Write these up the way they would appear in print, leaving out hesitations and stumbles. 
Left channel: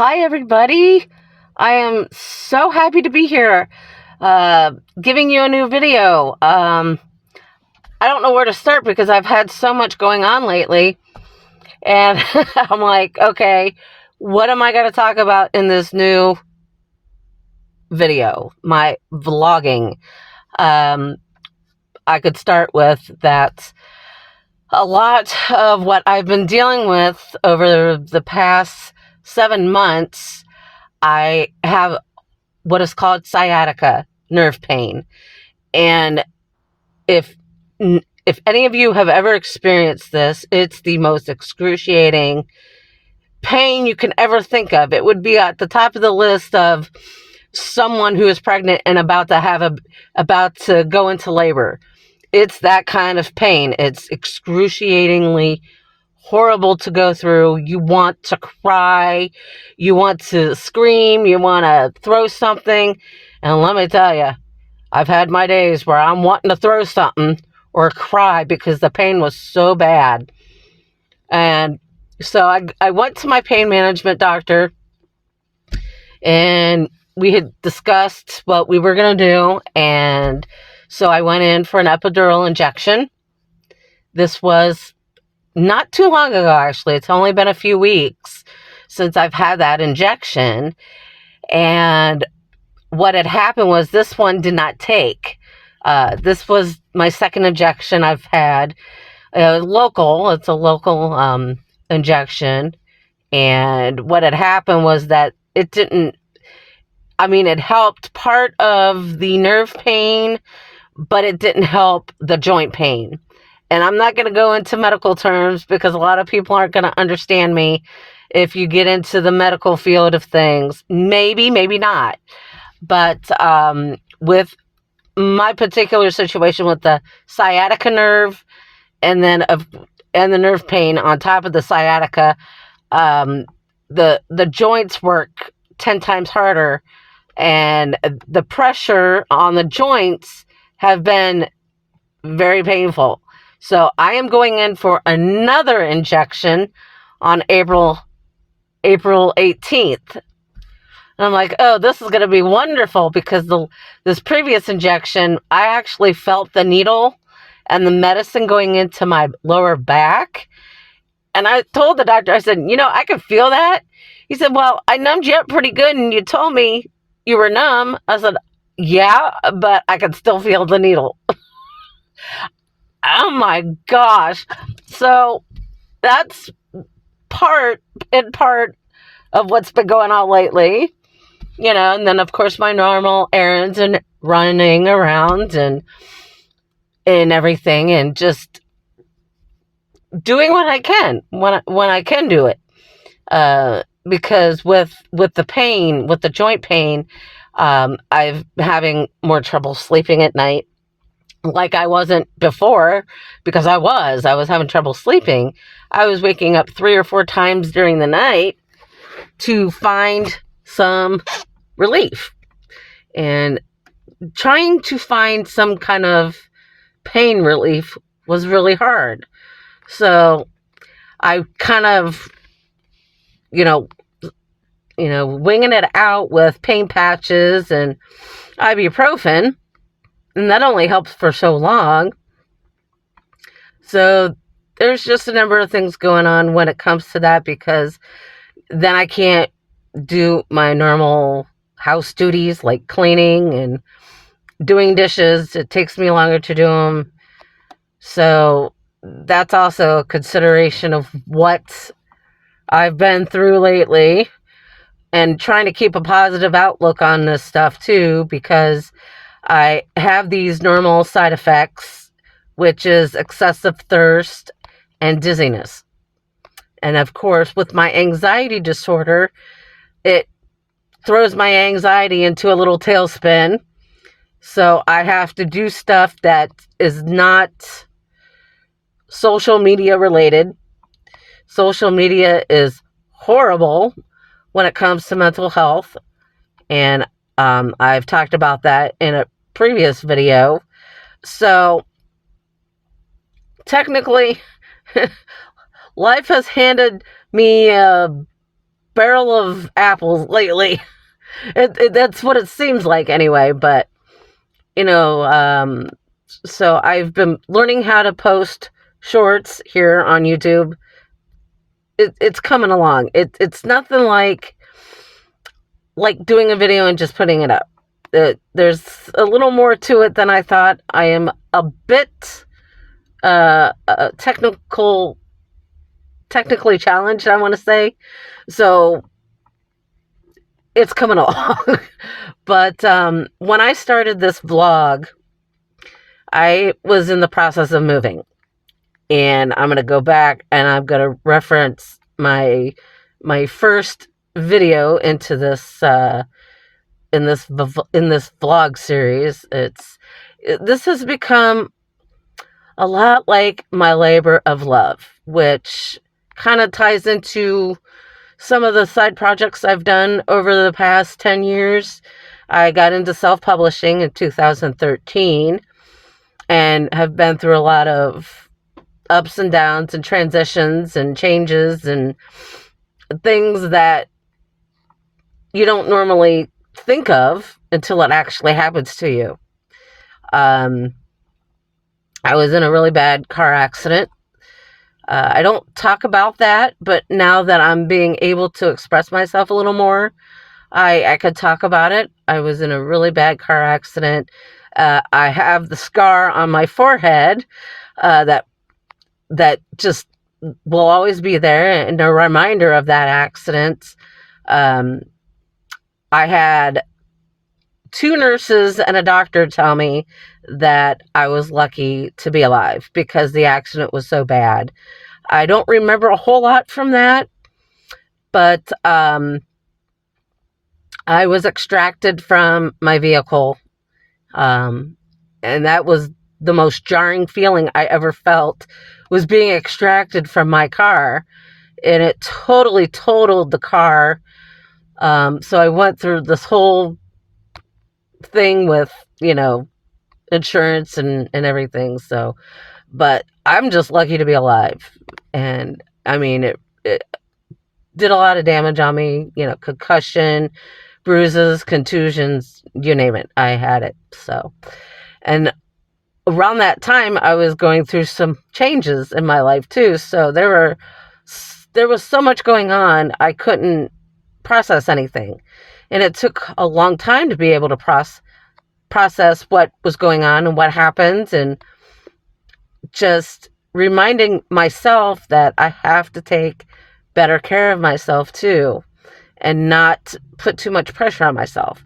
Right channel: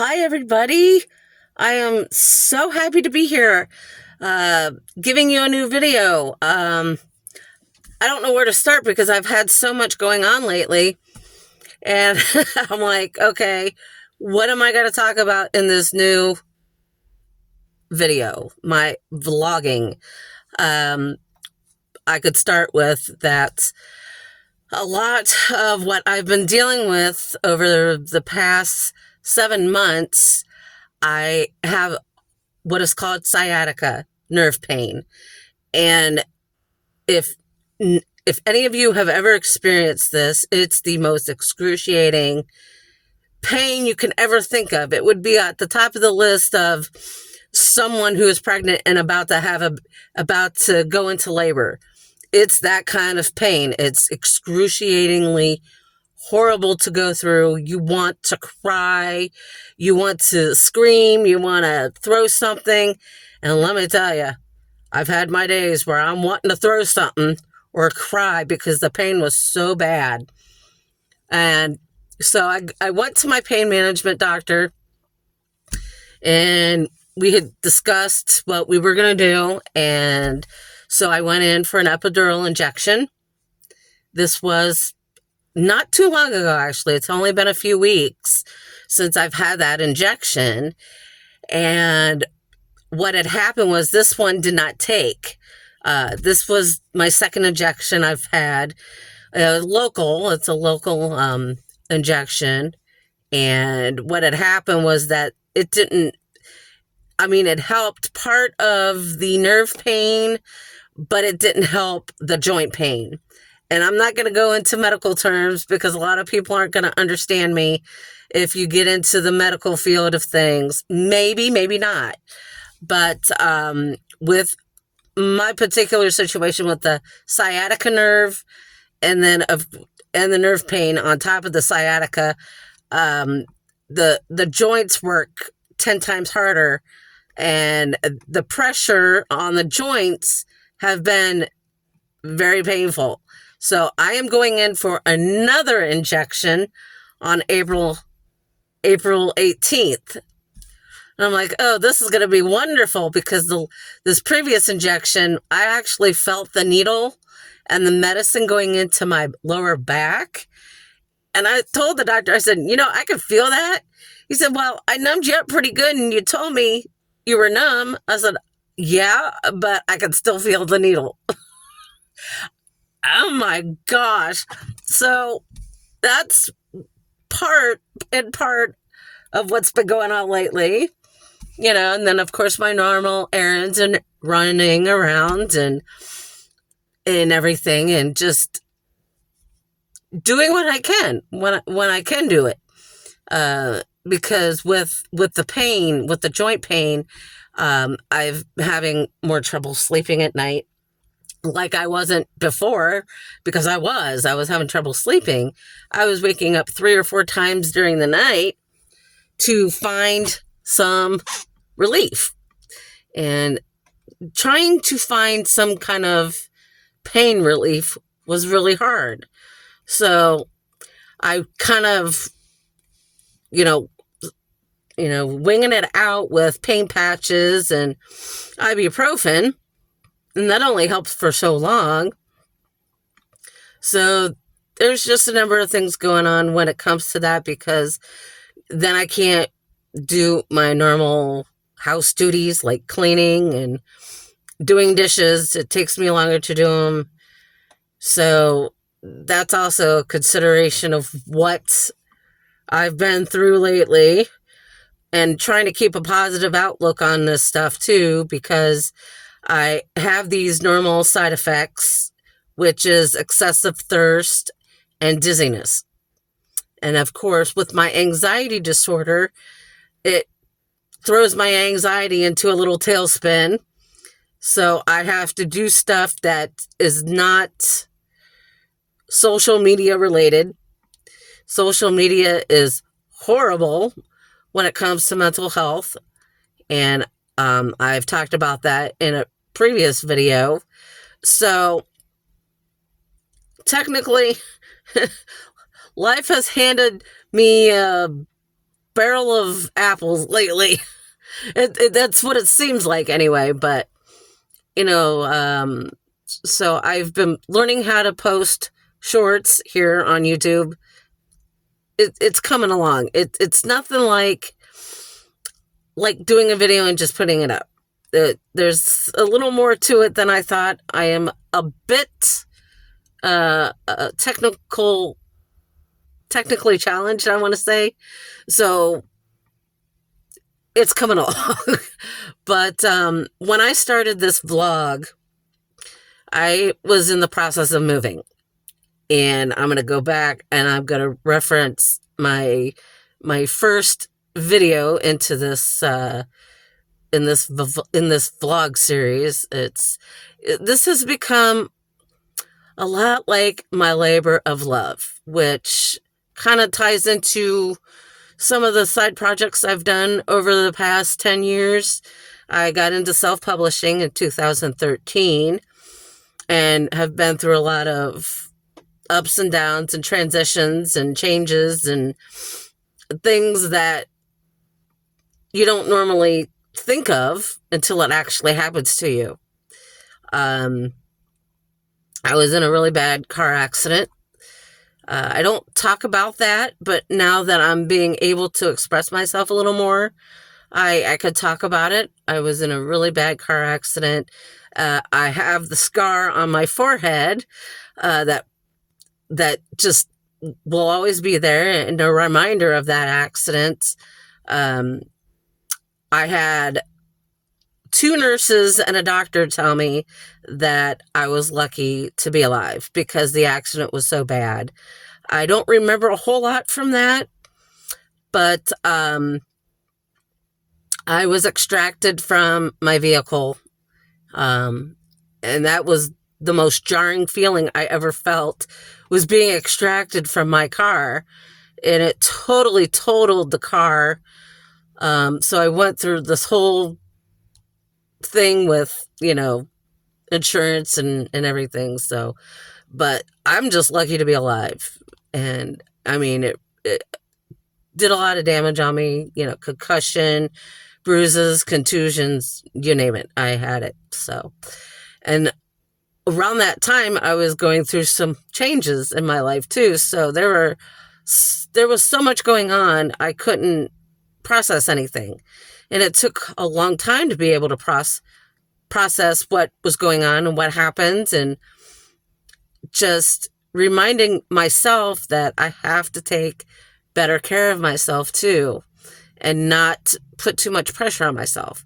Hi, everybody. I am so happy to be here, giving you a new video. I don't know where to start because I've had so much going on lately. And I'm like, okay, what am I going to talk about in this new video? My vlogging. Um, I could start with that a lot of what I've been dealing with over the past 7 months. I have what is called sciatica nerve pain. And if if any of you have ever experienced this, it's the most excruciating pain you can ever think of. It would be at the top of the list of someone who is pregnant and about to go into labor. It's that kind of pain. It's excruciatingly horrible to go through. You want to cry, you want to scream, you want to throw something. And let me tell you, I've had my days where I'm wanting to throw something or cry because the pain was so bad. And so I went to my pain management doctor, and we had discussed what we were going to do. And so I went in for an epidural injection. This was not too long ago, actually. It's only been a few weeks since I've had that injection. And what had happened was this one did not take. This was my second injection I've had. It's a local injection. And what had happened was that it didn't, it helped part of the nerve pain, but it didn't help the joint pain. And I'm not going to go into medical terms because a lot of people aren't going to understand me if you get into the medical field of things. Maybe, maybe not. But with my particular situation with the sciatica nerve and the nerve pain on top of the sciatica, the joints work 10 times harder, and the pressure on the joints have been very painful. So I am going in for another injection on April 18th. And I'm like, oh, this is going to be wonderful because this previous injection, I actually felt the needle and the medicine going into my lower back. And I told the doctor, I said, I could feel that. He said, well, I numbed you up pretty good and you told me you were numb. I said, yeah, but I could still feel the needle. Oh my gosh. So that's part of what's been going on lately, and then of course my normal errands and running around and everything, and just doing what I can when I can do it. Because with the pain, with the joint pain, I've having more trouble sleeping at night. Like I wasn't before, because I was having trouble sleeping. I was waking up 3 or 4 times during the night to find some relief, and trying to find some kind of pain relief was really hard. So I kind of, winging it out with pain patches and ibuprofen. And that only helps for so long. So there's just a number of things going on when it comes to that, because then I can't do my normal house duties like cleaning and doing dishes. It takes me longer to do them. So that's also a consideration of what I've been through lately, and trying to keep a positive outlook on this stuff too, because I have these normal side effects, which is excessive thirst and dizziness. And of course, with my anxiety disorder, it throws my anxiety into a little tailspin. So I have to do stuff that is not social media related. Social media is horrible when it comes to mental health. And I've talked about that in a previous video. So technically, life has handed me a barrel of apples lately. That's what it seems like anyway. But, you know, so I've been learning how to post shorts here on YouTube. It's coming along. It's nothing like doing a video and just putting it up. There's a little more to it than I thought. I am a bit technically challenged, I want to say. So it's coming along. But when I started this vlog, I was in the process of moving. And I'm going to go back and I'm going to reference my first video into this in this vlog series. This has become a lot like my labor of love, which kind of ties into some of the side projects I've done over the past 10 years. I got into self-publishing in 2013 and have been through a lot of ups and downs and transitions and changes and things that you don't normally think of until it actually happens to you. I was in a really bad car accident. I don't talk about that, but now that I'm being able to express myself a little more, I could talk about it. I was in a really bad car accident. I have the scar on my forehead that just will always be there, and a reminder of that accident. I had 2 nurses and a doctor tell me that I was lucky to be alive because the accident was so bad. I don't remember a whole lot from that, but I was extracted from my vehicle, and that was the most jarring feeling I ever felt, was being extracted from my car, and it totally totaled the car. So I went through this whole thing with, insurance and everything. So, but I'm just lucky to be alive. And I mean, it did a lot of damage on me, concussion, bruises, contusions, you name it. I had it. So, and around that time, I was going through some changes in my life too. So there was so much going on, I couldn't process anything. And it took a long time to be able to process what was going on and what happened, and just reminding myself that I have to take better care of myself too, and not put too much pressure on myself.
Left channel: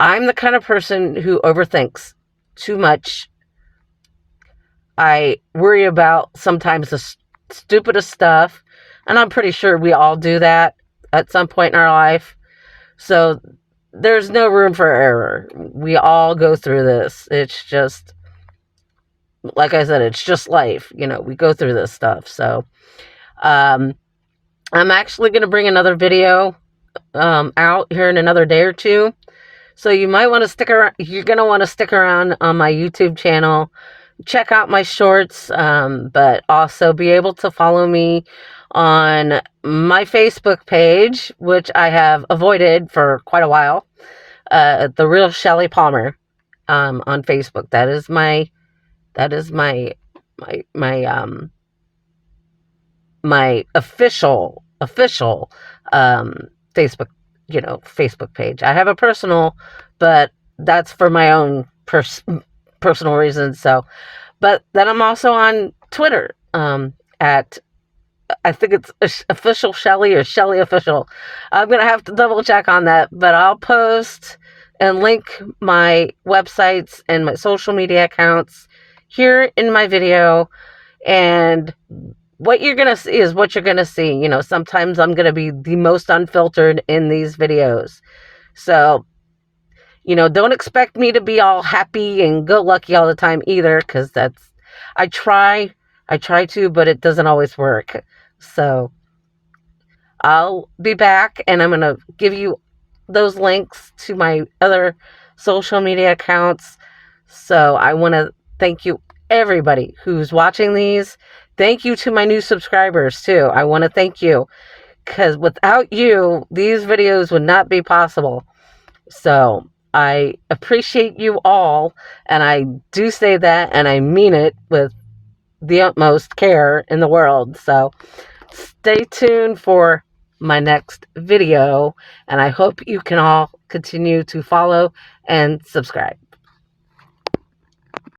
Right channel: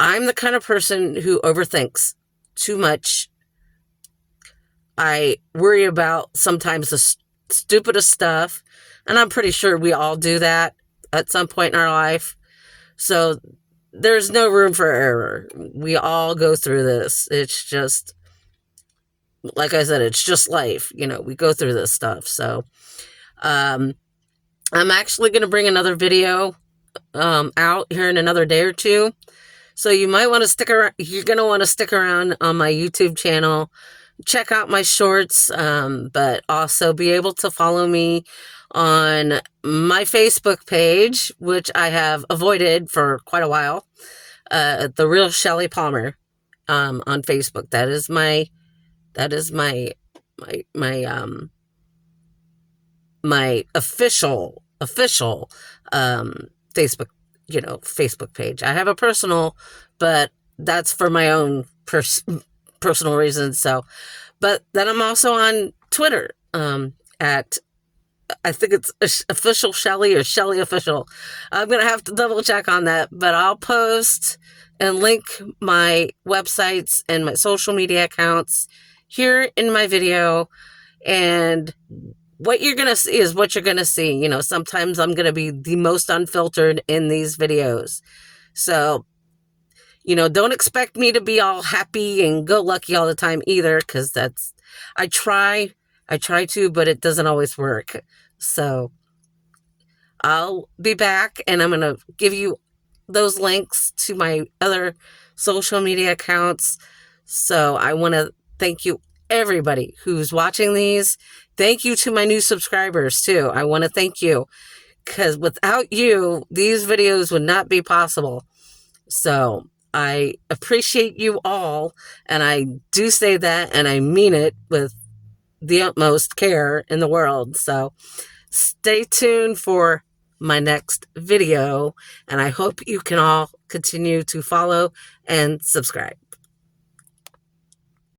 I'm the kind of person who overthinks too much. I worry about sometimes the stupidest stuff, and I'm pretty sure we all do that at some point in our life. So there's no room for error. We all go through this. It's just, like I said, it's just life. We go through this stuff. So I'm actually going to bring another video out here in another day or two. So you might want to stick around. You're going to want to stick around on my YouTube channel. Check out my shorts, but also be able to follow me on my Facebook page, which I have avoided for quite a while. The Real Shellie Palmer on Facebook. That is my official Facebook Facebook page. I have a personal, but that's for my own personal reasons. So, but then I'm also on Twitter at, I think it's official Shellie or Shellie official. I'm gonna have to double check on that, but I'll post and link my websites and my social media accounts here in my video. And what you're gonna see is what you're gonna see. Sometimes I'm gonna be the most unfiltered in these videos. So, don't expect me to be all happy and go lucky all the time either, because I try to, but it doesn't always work. So I'll be back, and I'm going to give you those links to my other social media accounts. So I want to thank you, everybody who's watching these. Thank you to my new subscribers too. I want to thank you, because without you, these videos would not be possible. So I appreciate you all, and I do say that, and I mean it with the utmost care in the world. So stay tuned for my next video, and I hope you can all continue to follow and subscribe.